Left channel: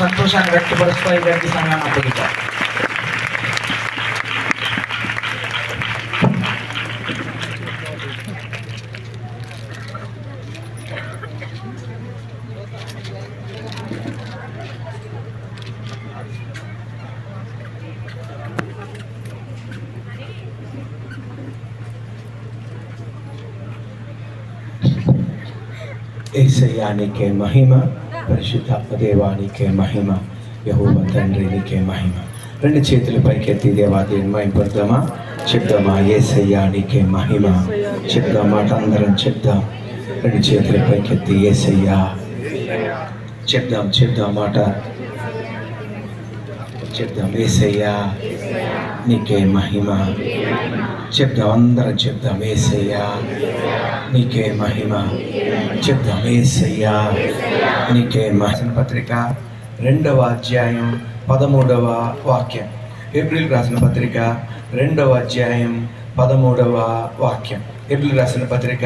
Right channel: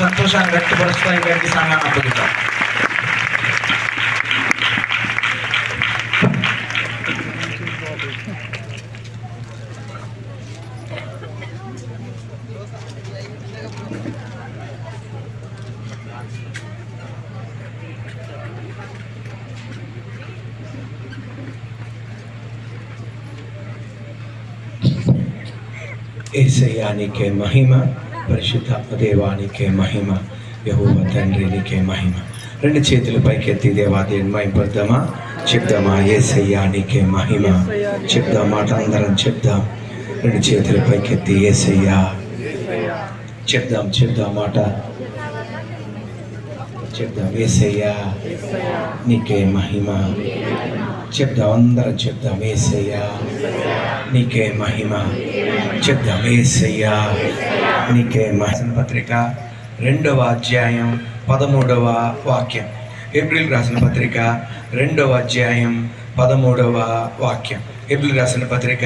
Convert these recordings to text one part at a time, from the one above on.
సంతోషాన్ని వ్యక్తపరుస్తూ ఈ వ్యక్తి సంఘాన్ని అప్పగిద్దాం. యేసయ్యా నీకే మహిమ, పరిశుద్ధాత్మ దేవానికే మహిమ, యెహోవా తండ్రి నీకే మహిమ. రెండు చేతులు పైకెత్తి దేవాదేవుని మహిమపడదామా? చెప్దామా? యేసయ్యా నీకే మహిమ. చెప్దాం, మాట అందరం చెప్దాం. రెండు చేతులు పైకెత్తి యేసయ్యా చెప్దాం మాట చెప్దాం. యేసయ్యా నీకే మహిమ. చెప్దాం, అందరం చెప్దాం. యేసయ్యా నీకే మహిమ. చెప్దాం. యేసయ్యా నీకే మహిమ. పత్రిక 2వ అధ్యాయం 13వ వాక్యం. ఏప్రిల్ రాసిన పత్రిక 2వ అధ్యాయం 13వ వాక్యం. ఏప్రిల్ రాసిన పత్రిక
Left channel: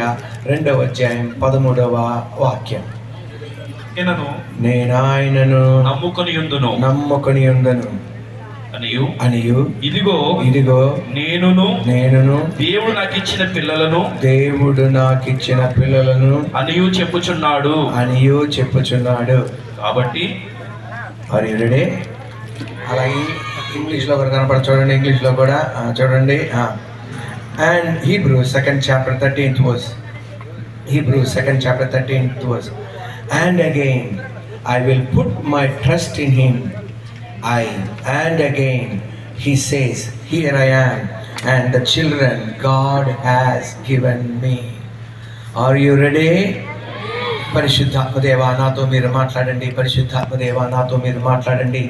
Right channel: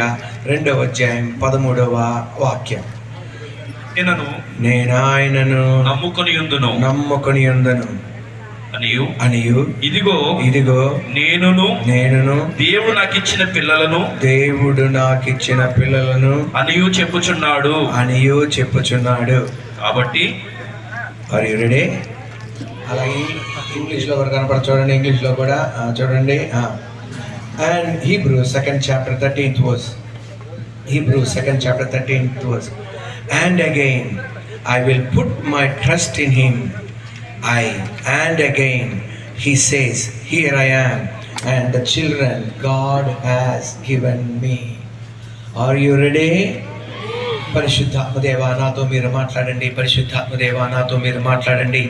2వ అధ్యాయం 13వ వాక్యం. నేను ఆయనను నమ్ముకొని ఉందును అనియు ఇదిగో నేనును దేవుడు నాకు ఇచ్చిన పిల్లలను అనియు చెప్పుచున్నాడు. కాబట్టి ఆర్ యు రెడీ? అలాగే ఇంగ్లీష్లో కూడా కనపడ చూడండి. ఇంగ్లీష్లో కూడా చూడండి. And Hebrews 2nd chapter 13th verse. Hebrews 2nd chapter 13th verse. And again I will put my trust in him. And again he says, here I am and the children God has given me. Are you ready? పరిశుద్ధాత్మదేవా నాతో మీరు మాట్లాడండి, పరిశుద్ధాత్మదేవా నాతో మీరు మాట్లాడండి,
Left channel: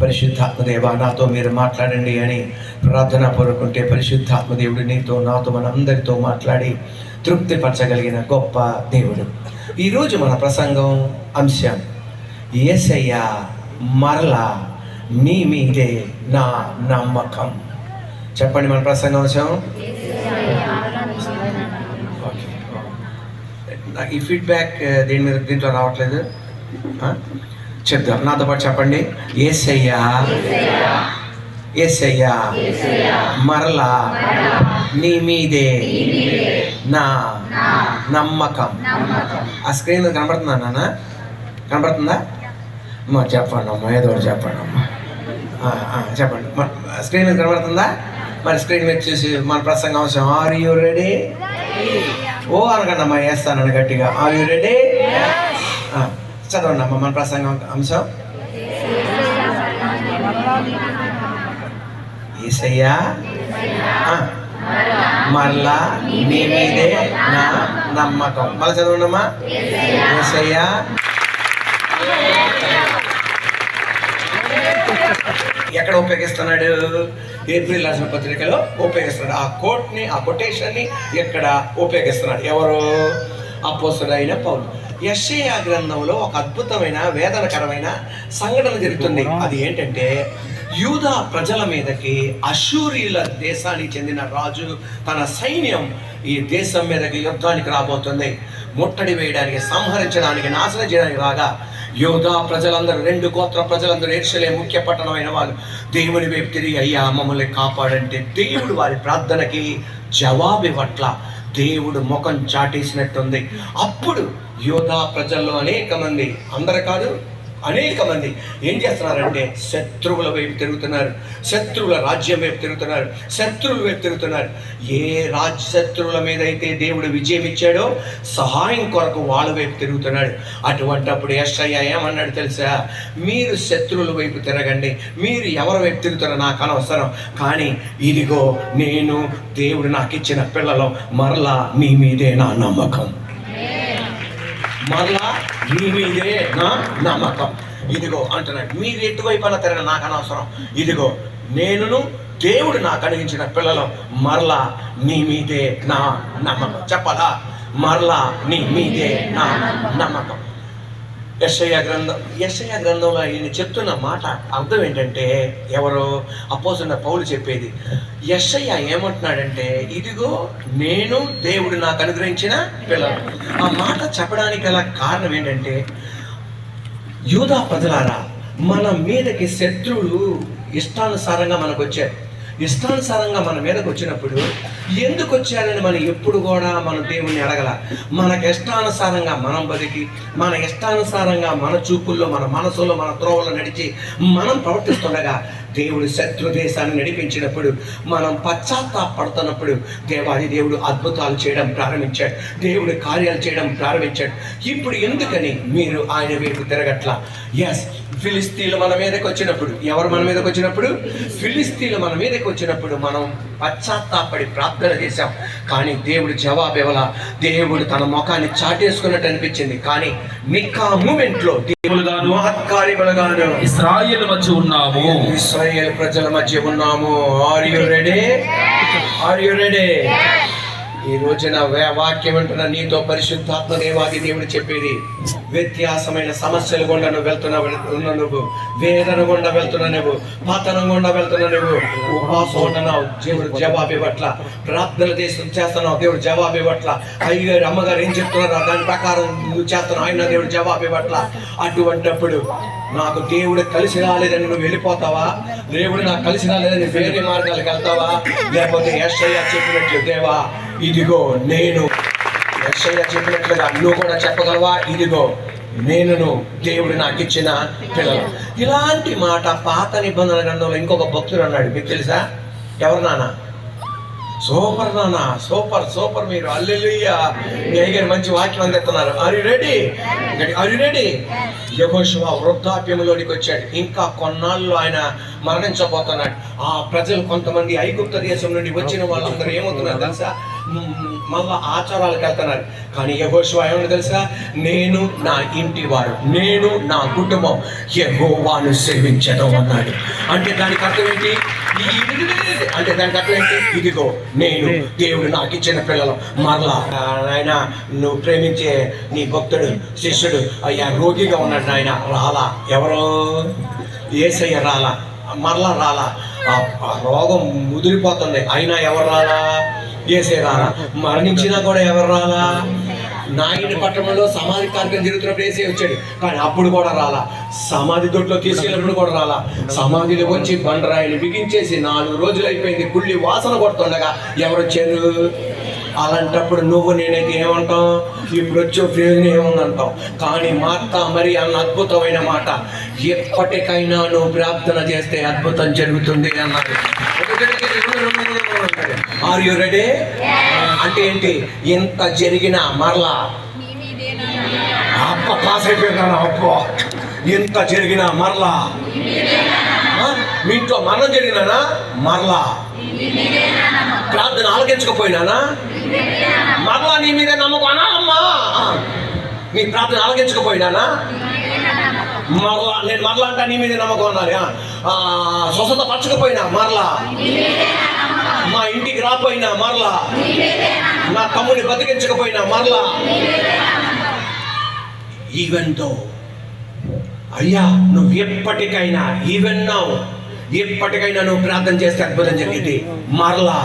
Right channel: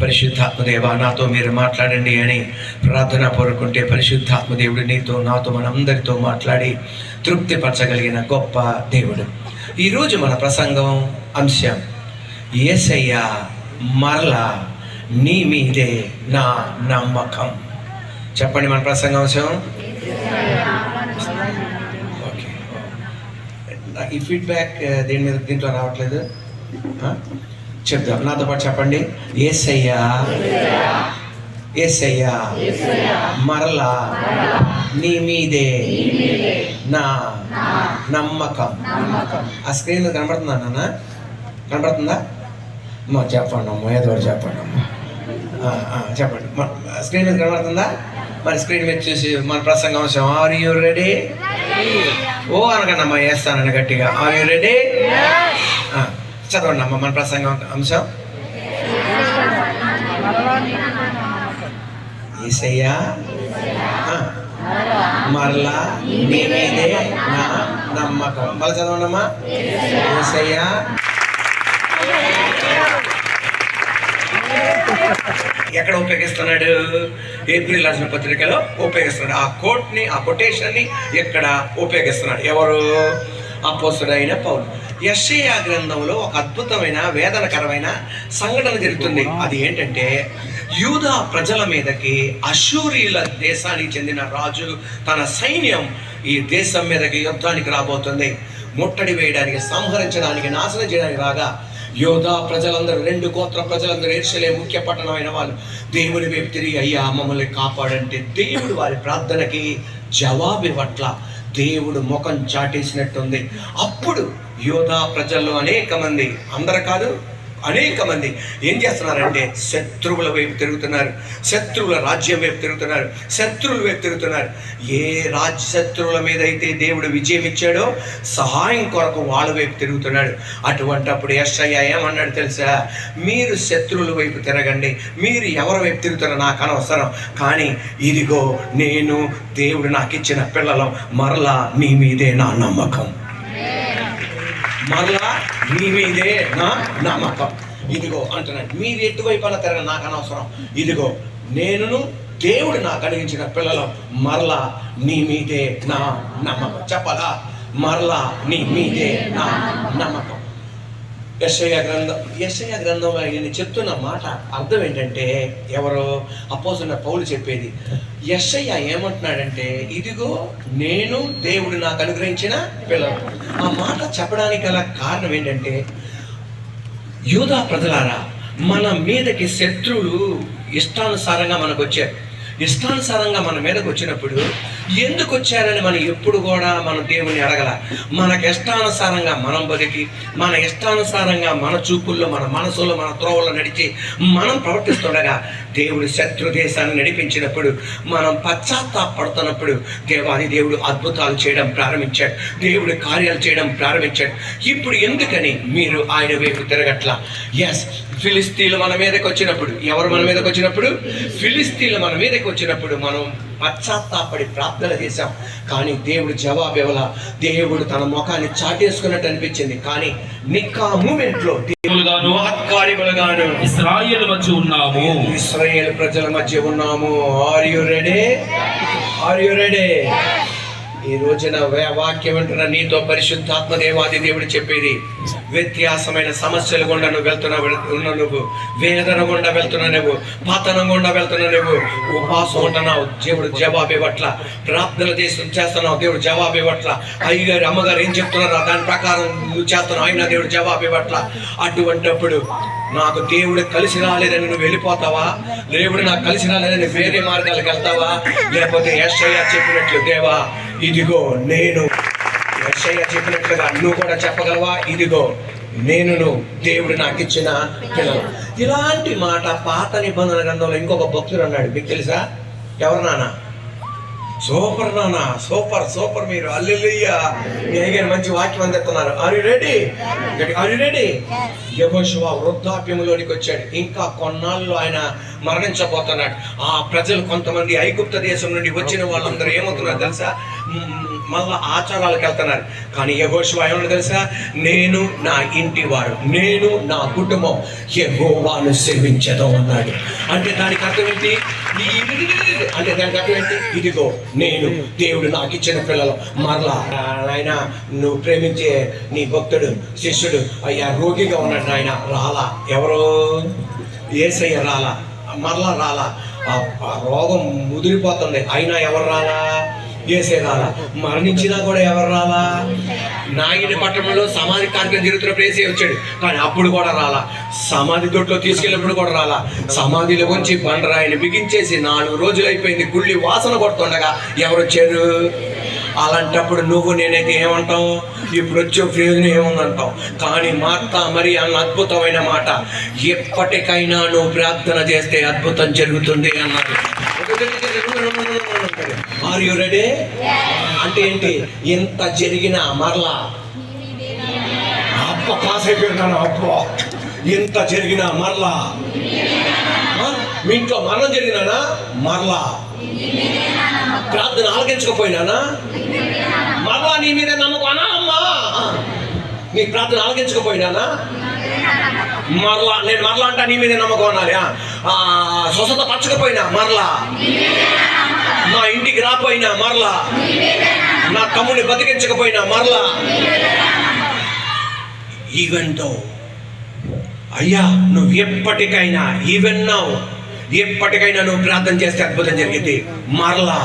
పరిశుద్ధాత్మదేవా నాతో మీరు మాట్లాడండి అని ప్రార్థన కోరుకుంటే పరిశుద్ధాత్మదేవుడు నీతో నాతో మనందరితో మాట్లాడి తృప్తిపరచగలిగిన గొప్ప దేవుడు. ఈరోజు మన ప్రసంగం అంశం యేసయ్యా మరలా నీ మీదే నా నమ్మకం. చెప్పండి, మన ప్రసంగం అంశం. ఓకే, ఈ ఫీడ్బ్యాక్ దీంట్లో రావట్లేదు. చెప్దాం, నాతో పాటు చెప్పండి. యేసయ్యా మరలా నీ మీదే నా నమ్మకం. ఆ స్క్రీన్ కనబడుతుందా నాన్న? కనబడుతుందా అమ్మా? చెప్పండి అమ్మా, ఏదో ఒకటి చెప్పండి అమ్మా. చెప్పండి, స్క్రీన్ మీద కనబడుతుందా? మరి స్క్రీన్ మీద చూసి మన ప్రసంగం అంశం ఆర్ యూ రెడీ? ఓ అనకండి అమ్మా, వేస్తానని గట్టిగా. Are you ready? చదవండి అమ్మా మన ప్రసంగం అంశం. యేసయ్యా మరలా నీ మీదే నా నమ్మకం. మళ్ళీ చదవండి అమ్మా. యేసయ్యా ఎక్కడ ఉపయోగిస్తున్నాడు? ఏప్రిల్ రాసిన పత్రికలో ఉపయోగిస్తున్నాడు. ఆ కోట్ని, ఆ కొటేషన్ని ఎక్కడ ఉపయోగిస్తున్నాడు? ఎవరు? అపోస్తలుడైన పౌలు. యెషయా గ్రంథంలో ఒక అద్భుతమైన వేదనకరమైన సంఘటన జరుగుతుంది. అది ఏంటంటే, యూదా ప్రజల మీదకి అష్షూరీయుల దేశానికి చెందిన రాజు తన సైన్యం ఈ దేశం మీదకి యుద్ధానికి రాబోతుంది. ముట్టడి వేయడానికి, సంహరించడానికి, నాశనం చేయడానికి రాగా యోధా ప్రజలందరూ, 2 గోత్ర ప్రజలందరూ, యెరూషలేము ముఖ్య పట్టణమైన వాళ్ళు దేవుని వైపు తిరిగి అయ్యా మమ్మల్ని కాపాడంటే దేవుడు వారి ప్రార్థనకి జవాబు ఇవ్వట్ల. దేవుడు ముఖం చాటేసినట్టుంది. అప్పుడు యోధా ప్రజల్లో అనేక మంది, అందరు కాదు, అనేక మంది ఏం చేస్తున్నారంటే శత్రువుల వైపు తిరుగుతున్నారు, శత్రువుల రాజ్యం వైపు తిరుగుతున్నారు, శత్రువుల వైపు తిరుగుతున్నారు. ఏ శత్రువుల మీద అయితే దేవుడు విజయం ఇచ్చాడో సహాయం కొరకు వాళ్ళ వైపు తిరుగుతున్నాడు. అటువంటప్పుడు యెషయా ఏమన్నాడు తెలుసా? మీరు శత్రువుల వైపు తిరగండి, మీరు ఎవరి వైపు తిరుగుతారో నాకు అనవసరం, కానీ ఇదిగో నేను దేవుడు నాకు ఇచ్చిన పిల్లలు, మరలా నీ మీదే నా నమ్మకం, మరలా నీ మీదే నా నమ్మకం. ఇదిగో అంటున్నాడు, మీరు ఎటువైపు అలా తిరగ నాకు అనవసరం, ఇదిగో నేనును దేవుడు నాకు కలిగించిన పిల్లలు, మరలా నీ మీదే నా నమ్మకం. చెప్పాలా? మరలా నీ మీదే నా నమ్మకం. యెషయా గ్రంథంలో ఈయన చెప్తున్న మాట అర్థం ఏంటంటే, ఎవరో అపోస్తలుడైన పౌలు చెప్పేది. యెషయా ఏమంటున్నాడంటే, ఇదిగో నేను దేవుడు నాకు అనుగ్రహించిన పిల్లలు. ఆ మాట చెప్పడానికి గల కారణం ఏంటంటే, యూదా ప్రజలారా, మన మీదకి శత్రువులు ఇష్టానుసారంగా మనకు వచ్చారు. ఇష్టానుసారంగా మన మీదకి వచ్చినప్పుడు ఎందుకు వచ్చారని మనం ఎప్పుడు కూడా మనం దేవుని అడగల. మనకి ఇష్టానుసారంగా మనం బతికి, మన ఇష్టానుసారంగా మన చూపుల్లో, మన మనసులో, మన త్రోవల్లో నడిచి మనం ప్రవర్తిస్తుండగా దేవుడు శత్రు దేశాన్ని నడిపించినప్పుడు, మనం పశ్చాత్తాపడుతున్నప్పుడు దేవాది దేవుడు అద్భుతాలు చేయడం ప్రారంభించాడు. దేవుడు కార్యాలు చేయడం ప్రారంభించాడు. ఇప్పుడు ఎందుకని మీరు ఆయన వైపు తిరగట్లా? ఎస్, ఫిలిస్తీన్లు మన మీదకి వచ్చినప్పుడు, ఎవరు మన మీదకి వచ్చినప్పుడు? ఫిలిస్తీన్లు మన మీదకి వచ్చినప్పుడు మనం పశ్చాత్తాపడి ప్రార్థన చేశాం. కానీ దేవుడు జవాబు ఇవ్వాల. దేవుడు తన ముఖాన్ని చాటేసుకున్నట్టు అనిపించింది. కానీ నికా మూమెంట్లో మహత్కార్యములుగాను ఇశ్రాయేలు మధ్య ఉన్నాము, ఇశ్రాయేలు ప్రజల మధ్య ఉన్నాము. Are you ready? Are you ready? ఈ రోజున వాక్యం అంటున్న నీతో పరిశుద్ధాత్మ దేవాది దేవుడు చెప్పేది, వ్యత్యాసమైన సమస్యలు గుండా నువ్వు వెళ్తున్నా, నువ్వు వేదన గుండా వెళ్తున్నా, నువ్వు పతనం గుండా వెళ్తున్నా, నువ్వు ఉపవాసం ఉంటున్నావు, దేవుడు జవాబు ఇవ్వట్ల. ప్రార్థనలు చేస్తున్నావు, దేవుడు జవాబు ఇవ్వట్ల. అయ్యగారు అమ్మగారు ఏం చెప్తున్నారో దాని ప్రకారం నువ్వు చేస్తున్నావు, అయినా దేవుడు జవాబు ఇవ్వట్ల. అటువంటప్పుడు నాకు దేవుడు కలిసి రాలేదని నువ్వు వెళ్ళిపోతావా? దేవుడు నాకు కలిసి రాలేదని వేరే మార్గాలకు వెళ్తావా? లేకపోతే యెషయా చెప్పినట్లు, దేవా ఇదిగో నేను, యెషయా చెప్పినట్లుగా నువ్వు కూడా చెప్పగలవా? ఇదిగో నేను దేవుడు నాకు ఇచ్చిన పిల్లలు. ఇలాంటి మాట పాత నిబంధన గ్రంథంలో ఇంకొక భక్తుడు అన్నాడు. మీకు తెలుసా? ఎవరు నాన్న? సూపర్ నాన్న, సూపర్ సూపర్. మీరు హల్లెలూయా గారు మంచి వాక్యం అందిస్తున్నారు. Are you ready? Are you ready? యెహోషువ వృద్ధాప్యంలోనికి వచ్చాడు. ఇంకా కొన్నాళ్ళు ఆయన మరణించబోతున్నాడు. ఆ ప్రజలు కొంతమంది ఐగుప్త దేశం నుండి వచ్చిన వాళ్ళందరూ ఏమవుతున్నారు తెలుసా? మళ్ళా ఆచారాలకు వెళ్తున్నారు. కానీ యెహోషువ ఏమన్నా తెలుసా? నేను నా ఇంటి వారు, నేను నా కుటుంబం యెహోవాను సేవించడం అన్నాడు. అంటే దానికి అర్థం ఏంటి? అంటే దానికి అర్థం ఏంటి? ఇదిగో నేను, దేవుడు నాకు ఇచ్చిన పిల్లలు. మరలా ఆయన నువ్వు ప్రేమించే నీ భక్తుడు శిష్యుడు అయ్యా రోగిగా ఉన్నాడు, ఆయన రాలా. ఎవరో? యేసయ్య రాలా, మరలా రాలా. ఆ రోగం ముదిరిపోతుంది, అయినా ఎవరు రాలా? యేసయ్య రాలా. మరణించినా కూడా ఎవరు రాలా? నాగిని పట్టణంలో సమాధి కార్యక్రమం జరుగుతున్నప్పుడు యేసయ్య వచ్చాడు, కానీ అప్పుడు కూడా రాలా. సమాధి దొడ్లో తీసుకెళ్ళినప్పుడు కూడా రాలా. సమాధిలో వచ్చి బండరాయిని బిగించేసి 4 రోజులు అయిపోయింది, గుళ్ళి వాసన కొడుతుండగా ఎవరు వచ్చారు? అలాంటప్పుడు నువ్వు నేనైతే ఏమంటాం? ఇప్పుడు వచ్చే ప్రయోజనం ఏముందంటాం. కానీ మార్తా మరి అన్న అద్భుతమైన మాట, ఎప్పటికైనా నువ్వు ప్రార్థన చేస్తే అద్భుతం జరుగుతుంది అన్నది. Are you ready? అంటే ఏంటి? ఎంత జరిగినా మరలా పాస్ అయిపోయినాను. అబ్బో, ఎంత జరిగినా మరలా. మీ ఇంట్లో మరణం జరిగినానా? మరలా. ప్రార్థన ఆలకించకపోయినానా? మరలా నీ మీద నమ్మకం అమ్మా. నీ ప్రార్థన ఆలకించకపోయినానా? మరలా నేను మరలా అంటా నీ మీద నమ్మకం అనాలి. స్వస్థత పరచకపోయినా మరలా, మా ఇంటికి రాపోయినా మరలా, నా తమ్ముని బతికించకపోయినా మరలా. ఈవెంతో అయ్యా నువ్వు ఎప్పటికైనా ఈవెన్నావు, ఎప్పటికైనా నువ్వు ప్రార్థన చేస్తే అద్భుతం జరిగింది. మరలా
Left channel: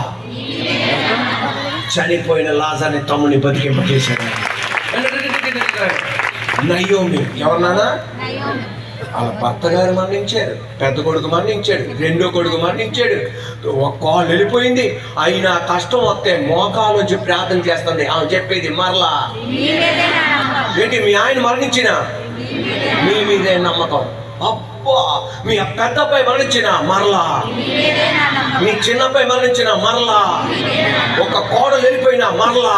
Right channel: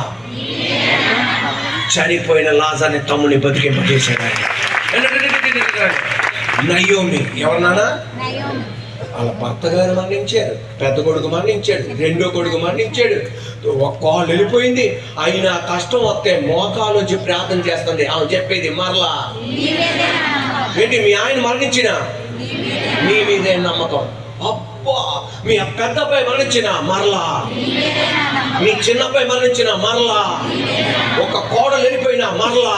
చనిపోయిన లాజర్ని తమ్ముని బతికింపజేశాడు. నయోమి ఎవరు నాన్న? వాళ్ళ భర్త గారు మరణించాడు, పెద్ద కొడుకు మరణించాడు, రెండో కొడుకు మరణించాడు, ఒక కాళ్ళు వెళ్ళిపోయింది. అయినా కష్టం వస్తే మోకాలు వచ్చి ప్రార్థన చేస్తుంది. ఆమె చెప్పేది మరలా ఏంటి? మీ ఆయన మరణించిన మీ మీదే నమ్మకం. అబ్బా, మీ పెద్ద అబ్బాయి మరణించిన మరలా, మీ చిన్నబ్బాయి మరణించిన మరలా, ఒక కోడలు వెళ్ళిపోయినా మరలా,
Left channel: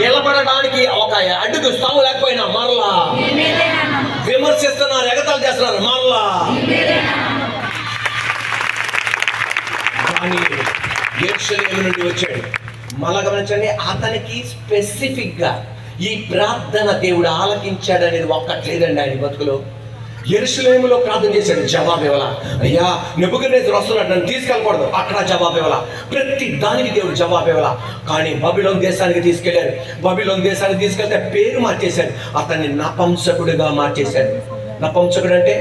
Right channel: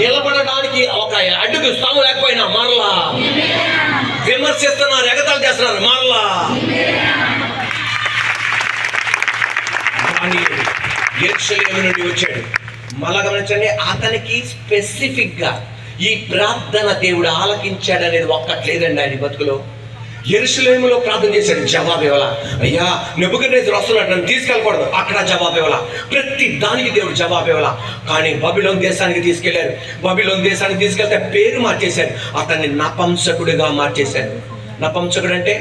నిలబడడానికి ఒక అడ్డుకు స్థానం లేకపోయినా మరలా, విమర్శిస్తున్నారు, ఎగతాలు చేస్తున్నారు మరలా. కానీ యెరూషలేము నుండి వచ్చాడు. మళ్ళా గమనించండి, అతనికి స్పెసిఫిక్గా ఈ ప్రార్థన దేవుడు ఆలకించాడు అనేది ఒక్కట్లేదండి ఆయన బతుకులో. యెరూషలేములో ప్రార్థన చేశాడు, జవాబు ఇవ్వాల. అయ్యా నెబుకద్నెజరు వస్తున్నాడు, నన్ను తీసుకెళ్ళకూడదు, అక్కడ జవాబు ఇవ్వాల. ప్రతి దానికి దేవుడు జవాబు ఇవ్వాల. కానీ బబిలోను దేశానికి తీసుకెళ్లారు. బబిలోను దేశానికి తీసుకెళ్తే పేరు మార్చేశారు, అతన్ని నపంసకుడిగా మార్చేశారు. నపంసకుడు అంటే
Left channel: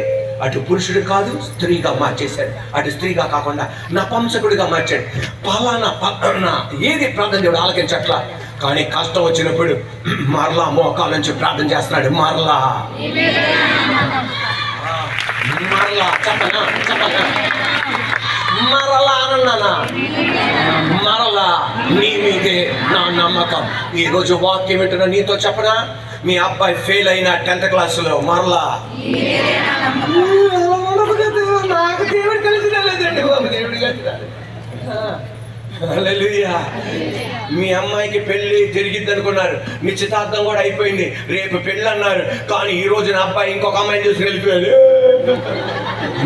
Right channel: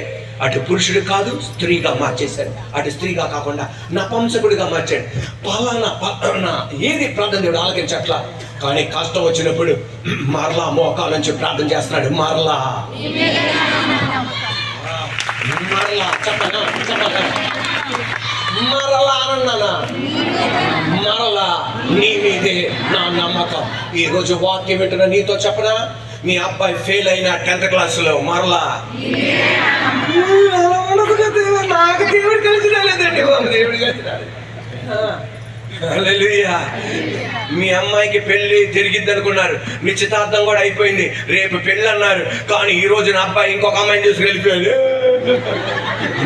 అటు పురుషుడు కాదు, స్త్రీగా మార్చేశాడు. అటు స్త్రీగా కాకుండా నపంసకుడిగా మార్చాడు. పలానా ఏది ప్రార్థన దేవుడు ఆలకించట్లా. కానీ కష్టం వచ్చినప్పుడు మరలా మోకాల నుంచి ప్రార్థన చేస్తున్నాడు. మరలా మరలా చెప్పనా మరలా అన్నానా మరలా నీ మీదే నా నమ్మకం. ఈరోజు వాక్యం వింటున్నా నీతో చెప్పనా, మీ అబ్బాయి ఫెయిల్ అయిన 10th క్లాసులో మరలా అలా ఉండదు కదా, నాకు దేవుడు కలిసి రాలేదండి బాబు, దేవుడు కలిసి రాలేదు. హల్లెలూయా. మీ అమ్మాయికి పెళ్లి జరిగిద్ది అనుకున్నారు, నిశ్చితార్థం కూడా అయిపోయింది, రేపు పెళ్ళి అన్నారు, కానీ ఈ రోజు నా అబ్బాయి ఇంకొక అమ్మాయిని చూసి వెళ్ళిపోయాడు.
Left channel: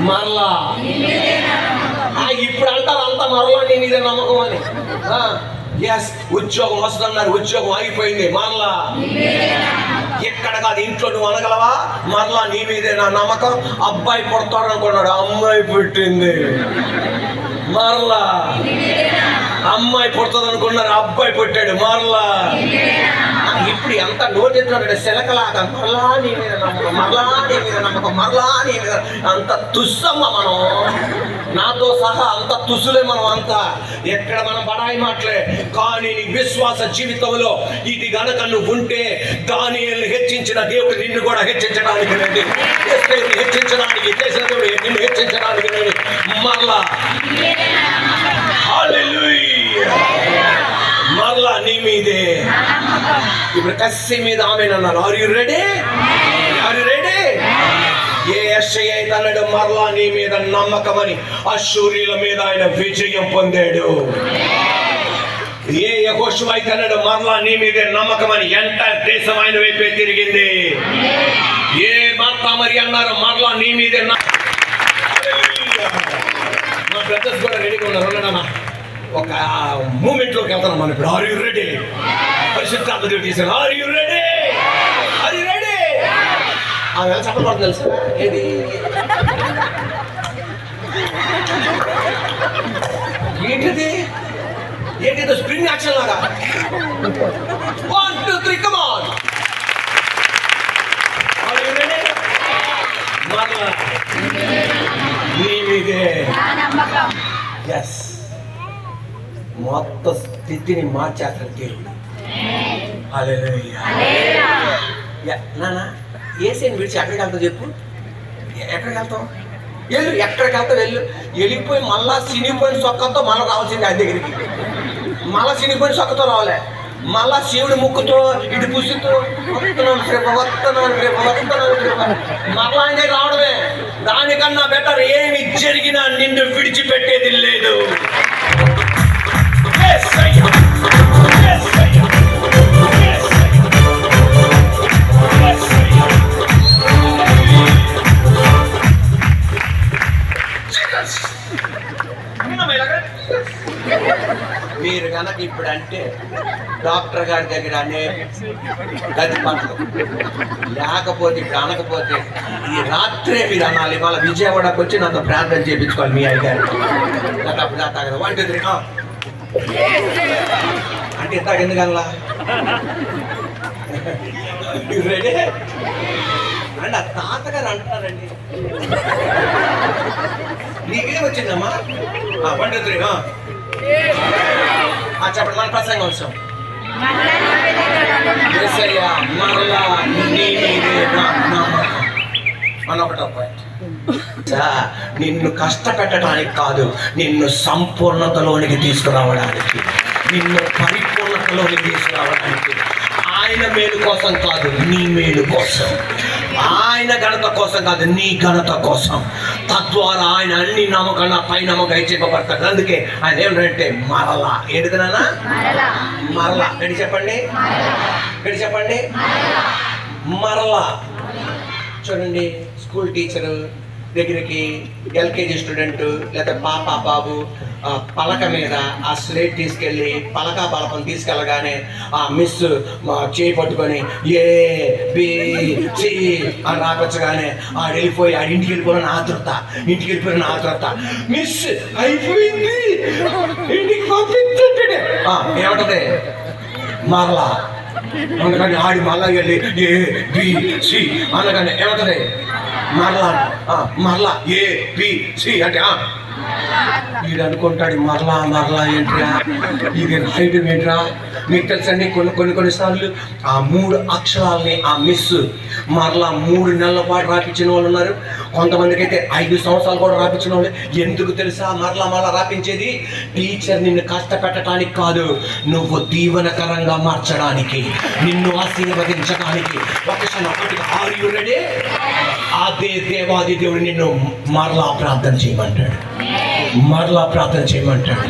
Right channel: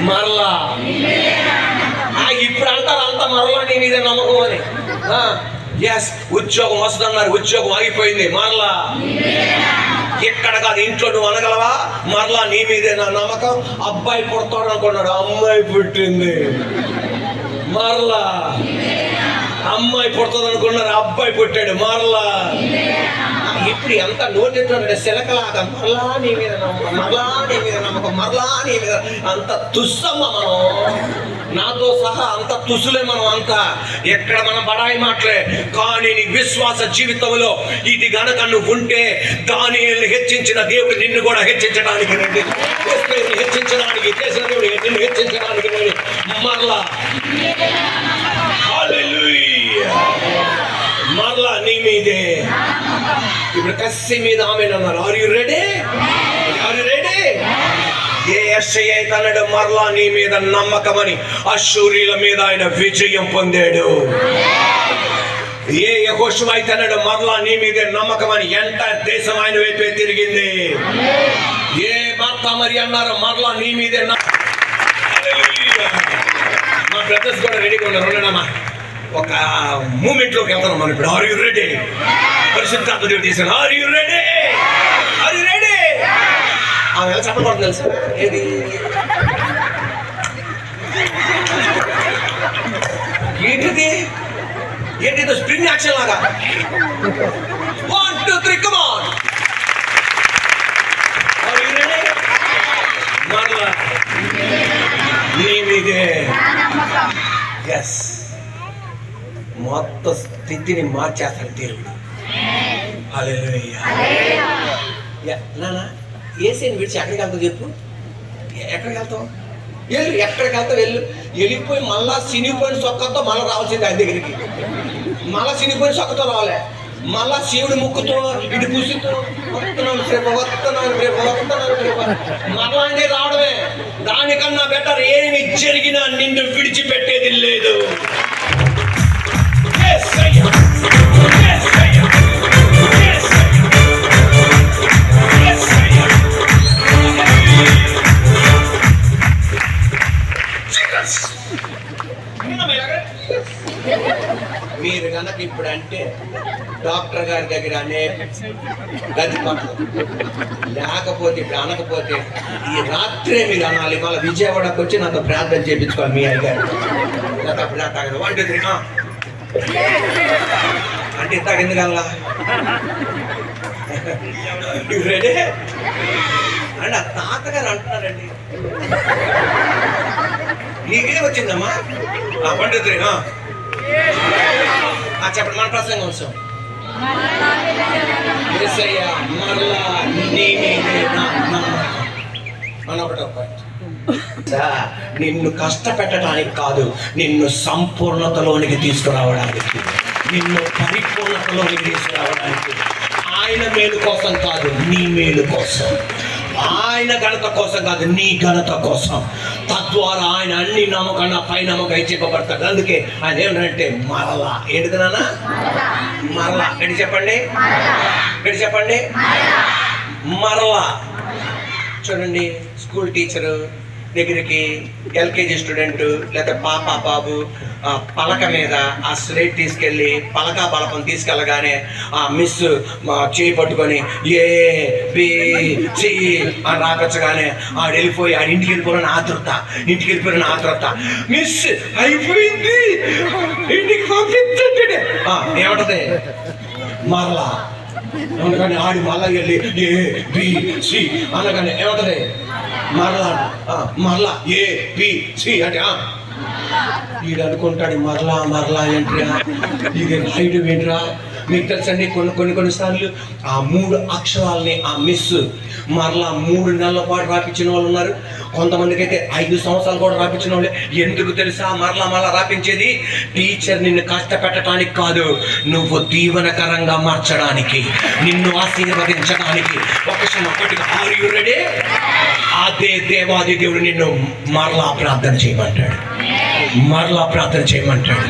మరలా ఇప్పుడు అంటారు అంత మరలా నీ మీద నమ్మకం అని. ఎస్, ఉద్యోగం వస్తుందన్నారు, ఉద్యోగం ఆగిపోయింది, మరలా ఎక్కడ కాదు ఇంట్లో నువ్వు అనగలవా, మరలా నీ మీదే నా నమ్మకం. అబ్బాయి పుడతాడు అనుకున్నాడు, అమ్మాయి పుట్టింది, మరలా అమ్మాయి పుడుతుంది అనుకున్నారు, అబ్బాయి పుట్టాడు, మరలా. ఇప్పుడు ఎంత నోటెత్తున్నాడు శిలకలాగా, మరలా నీ మీద నమ్మకం, మరలా నీ మీద నమ్మకం, మరలా నీ మీద. అంత తుస్సమ్మ మనం, నాతో సహా అంత తుసులే మనం అంతా. ఎక్కడ మనం బడాయి మాటలే, కానీ నీ విశ్వాస జీవితంలో ఇది గనక నువ్వు ఉంటే, దానియేలుని హెచ్చించిన దేవుడు నిన్ను కూడా హెచ్చించడానికి రండి, హెచ్చించడానికి చేసిన దేవుడు నిన్ను హెచ్చించడానికి రండి, మరలా. హల్లెలూయా. మరలా నీ మీదే. ఇప్పుడు కస్సి మీద ఆమె అన్నారు. Are you ready? Are you ready? ఏ యెషయా అయితే అన్నాడు మరలా నీ మీద నమ్మకమని, అష్షూరీయుల మీద ఆయన విజయం పొందాడు. ఏ యెహోషువ అయితే అన్నాడు మరలా నీ మీదే నమ్మకమని, ఎంటైర్ దేశం ఆయన వైపే తిరిగింది. ఏ మార్తా మరి అన్నారు మరలా నీ మీదే. మా బ్రదర్స్ కూడా రెడీగా ఉన్నారు, ఉన్నాడమ్మా. ఒక మూమెంట్లోకి వెళ్తున్నాం మనం ఇప్పుడు. Are you ready? పరిశుద్ధాత్మ దేవుడు చేశాను. Are you ready? Are you ready? ఆమె ఎలా చెప్పబడుతుంది తెలుసా? ఏది ఏంటిది? ఏంటిదో స్ప్రింగ్ యాక్షన్ లాగా. 1 2 3 come on. Are you ready? మరలా నీ మీదే. ఎస్, మొత్తం స్థితిని మార్చేస్తాడు దేవుడు. హల్లెలూయా. నాన్న ఏసీని విడిచి ఎక్కడికి వెళ్తావు చెప్పు? ఎక్కడికి వెళ్తావు? వెళ్ళు, ఎక్కడికి వెళ్తావు వెళ్ళు. వెళ్ళిపోయి మళ్ళా సినిపోయిన సొక్కతో మళ్ళీ రావాల్సింది ఆయన దగ్గరికి. మళ్ళా సినిపోయిన సొక్కతో రావాలే, మళ్ళా శివుడి ముక్కుతో ఇటు పుసుతో వస్తున్నాను రేపు వస్తున్నాను రేపు వస్తున్నాను రేపు మళ్ళా ఆయన రావడమే. దానికన్నా బెటర్ ఏమి జరిగినా నిన్ను విడిచిపెట్టేది లేదు. మీరు కనుక ఇప్పుడు అంటే డాక్టర్ గారి దగ్గర అనే గది పట్లు, లేకపోతే ఇప్పుడు అనకపోతే ఈ రాత్రే మీరు అనాలి. మళ్ళీ విజయవాడకు వచ్చి నాతో ప్రార్థన చేయించుకోవాలి మీ అయ్యగారు. అప్పుడు నా తాగదు 1 2 3 అంటే ఇంతకు ఎందుకల్లా రెడీ అంటే ఆ తాతగారు అంటున్నారండి. నీకేం వచ్చిందమ్మా? 1 2 3 చెప్పండి. మన ప్రసంగం వచ్చాం. మరలా నీ మీదే నా నమ్మకం. మన ఒకటో పాయింట్, నిన్ను కష్టపెట్టడానికి కాదు, నిన్ను సంపూర్ణతలోనికి తీసుకురావడానికి, నిన్ను పరిపూర్ణతలోనికి తీసుకురావడానికి. ఆయన మేలు కోసం కాదు, నీ మేలు కోసం. ఆయన ఘనత కోసం కాదు, నీ ఘనత కోసం. తద్వారా ఆయన అన్ని నమ్మకన్నా పై నమ్మకం చెప్పబడతాడు. అందుకే ఆయన ఏమంటే మరలా. ఏంటిది నాన్న? మరలా. ఎడి చెప్పండి, ఎడి చెప్పండి, మరలా. చూడండి, స్కూల్ టీచరు దగ్గరికి ఎల్కేజీ స్టూడెంట్ లేకపోతే పాప బాబు పలక మీద ఆ స్లేట్ తీసుకెళ్ళి పలక బలపం తీసుకెళ్ళగానే ఆ మిస్ చేయి పట్టుకొని ABC అని రాకొచ్చగానే ఆడు వెళ్ళిపోయి ఆడు ఇంటికి వెళ్ళిపోయిన ఆతృత, ఇంటికి వెళ్ళిపోయిన ఆతృత. మిస్ అయిపోయింది, ఇంటికి పంపించండి ఏమంటది? మరలా. అందుకని ఆడి మళ్ళా వెళ్ళి ABC అనగానే ఏమంటది? మరలా. మరలా ABC అంటే వీడు అనుకుంటాడు మరలా మరలా ఏంట్రా, ఇది రాయడం ఏంట్రా, మీకు తెలుసండి కొన్నిసార్లు ఆ 3 అక్షరాలని ఆ మిస్ మరలా 3 నెలల పాటు రాపించిన వాళ్ళు ఉన్నారు. కొంతమందికి అయితే 5 సంవత్సరాలు కూడా రాపించిన వాళ్ళు. ఎందుకు తెలుసా మరలా రాపించేది? టీచర్ నిన్ను కష్టపెట్టడానికి కాదు, నువ్వు దీవెనకరంగా మార్చడానికి, నిన్ను ఆశీర్వదించడానికి. ఒకటిగా ఆర్ యు రెడీ? అదే దేవాది దేవుడు నిన్ను మరలా ప్రార్థన చేయమంటాడు, మరలా ప్రార్థన చేయమంటాడు.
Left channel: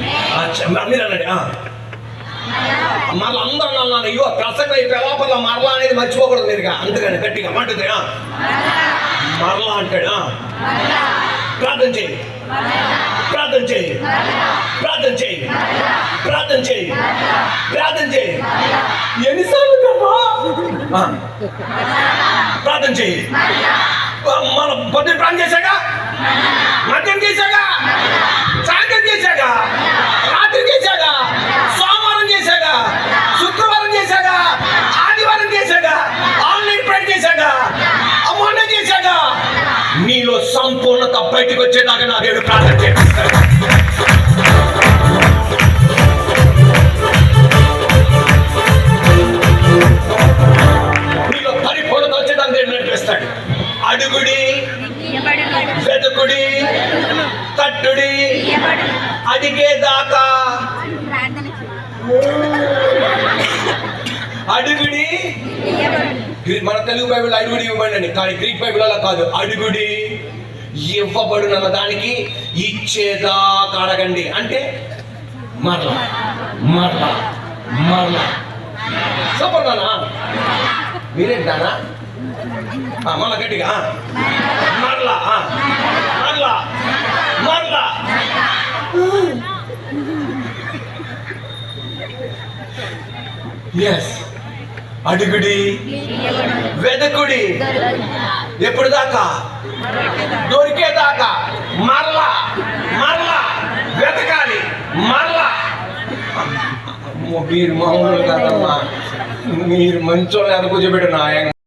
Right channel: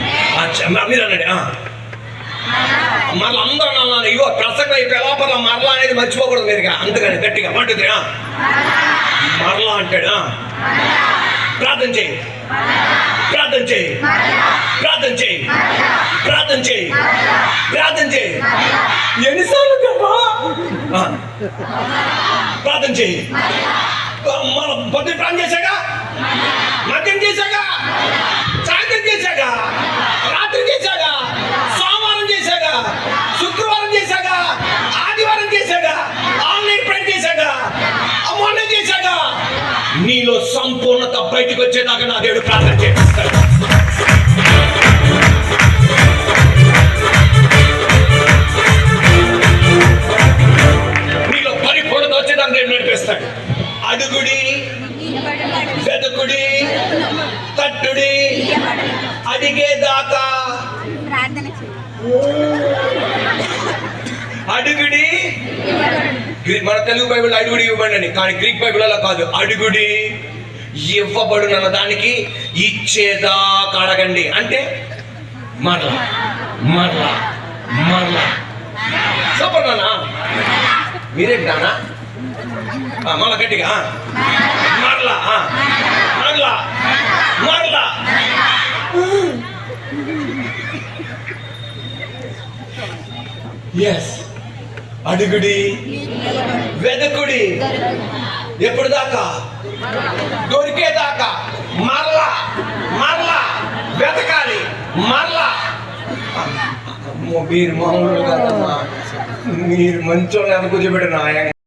మీరు అన్నాడు మరలా అందరూ అన్నాను, అయ్యో ప్రసంగం అయిపోయేలా మరలా అనేది మర్చిపోకూడదు మీరుగా, అందుకని గట్టిగా అంటుంది మరలా అంటాడు. ప్రార్థన చేయి, ప్రార్థన చేయి, ప్రార్థన చేయి, ప్రార్థన చేయి, ప్రార్థన చేయి. ఎన్నిసార్లు ప్రార్థన చేయి. మన పొద్దున ప్రార్థన చేశాగా, మధ్యాహ్నం చేశాగా, సాయంత్రం చేశాగా, రాత్రి చేశాగా, సోమవారం చేశాగా, శుక్రవారం చేశాగా, ఆదివారం చేశాగా, ఆన్లైన్ ప్రేయర్ చేశాగా, మొన్న చేశాగా. నీలో సంపూర్ణత బయటకు వచ్చేదాకా నా దేవుడు ప్రార్థన చేస్తాడు. నీలో పరిపూర్ణత వచ్చేదాకా దేవుడు నడిపిస్తాడు. అడుగుడి, వెతుకుడి, తట్టుడి, అడిగేదాకా. అడుగుడి, మన తెలుగు బైబిల్ అడుగుడి ఇవ్వండి, కానీ గ్రీక్ బైబిల్ అలా కాదు. అడుగుడి ఇవ్వబడునన్న దానికి ఇచ్చేదాకా అడగండి. అంటే మరలా మరలా మరలా. సూపర్ నానా, మీరేంటి నానా? మళ్ళా గట్టిగా మరలా మరలా మరలా. ఎస్, అడుగుడి, వెదకుడి, ఎప్పుడు దాకా? దొరికేదాకా. మరలా మరలా వెతకాలి, మరలా. మీరు మామూలు కాదమ్మా, మీరు మంచోళ్ళు ఎనకూర్చోబెట్టిన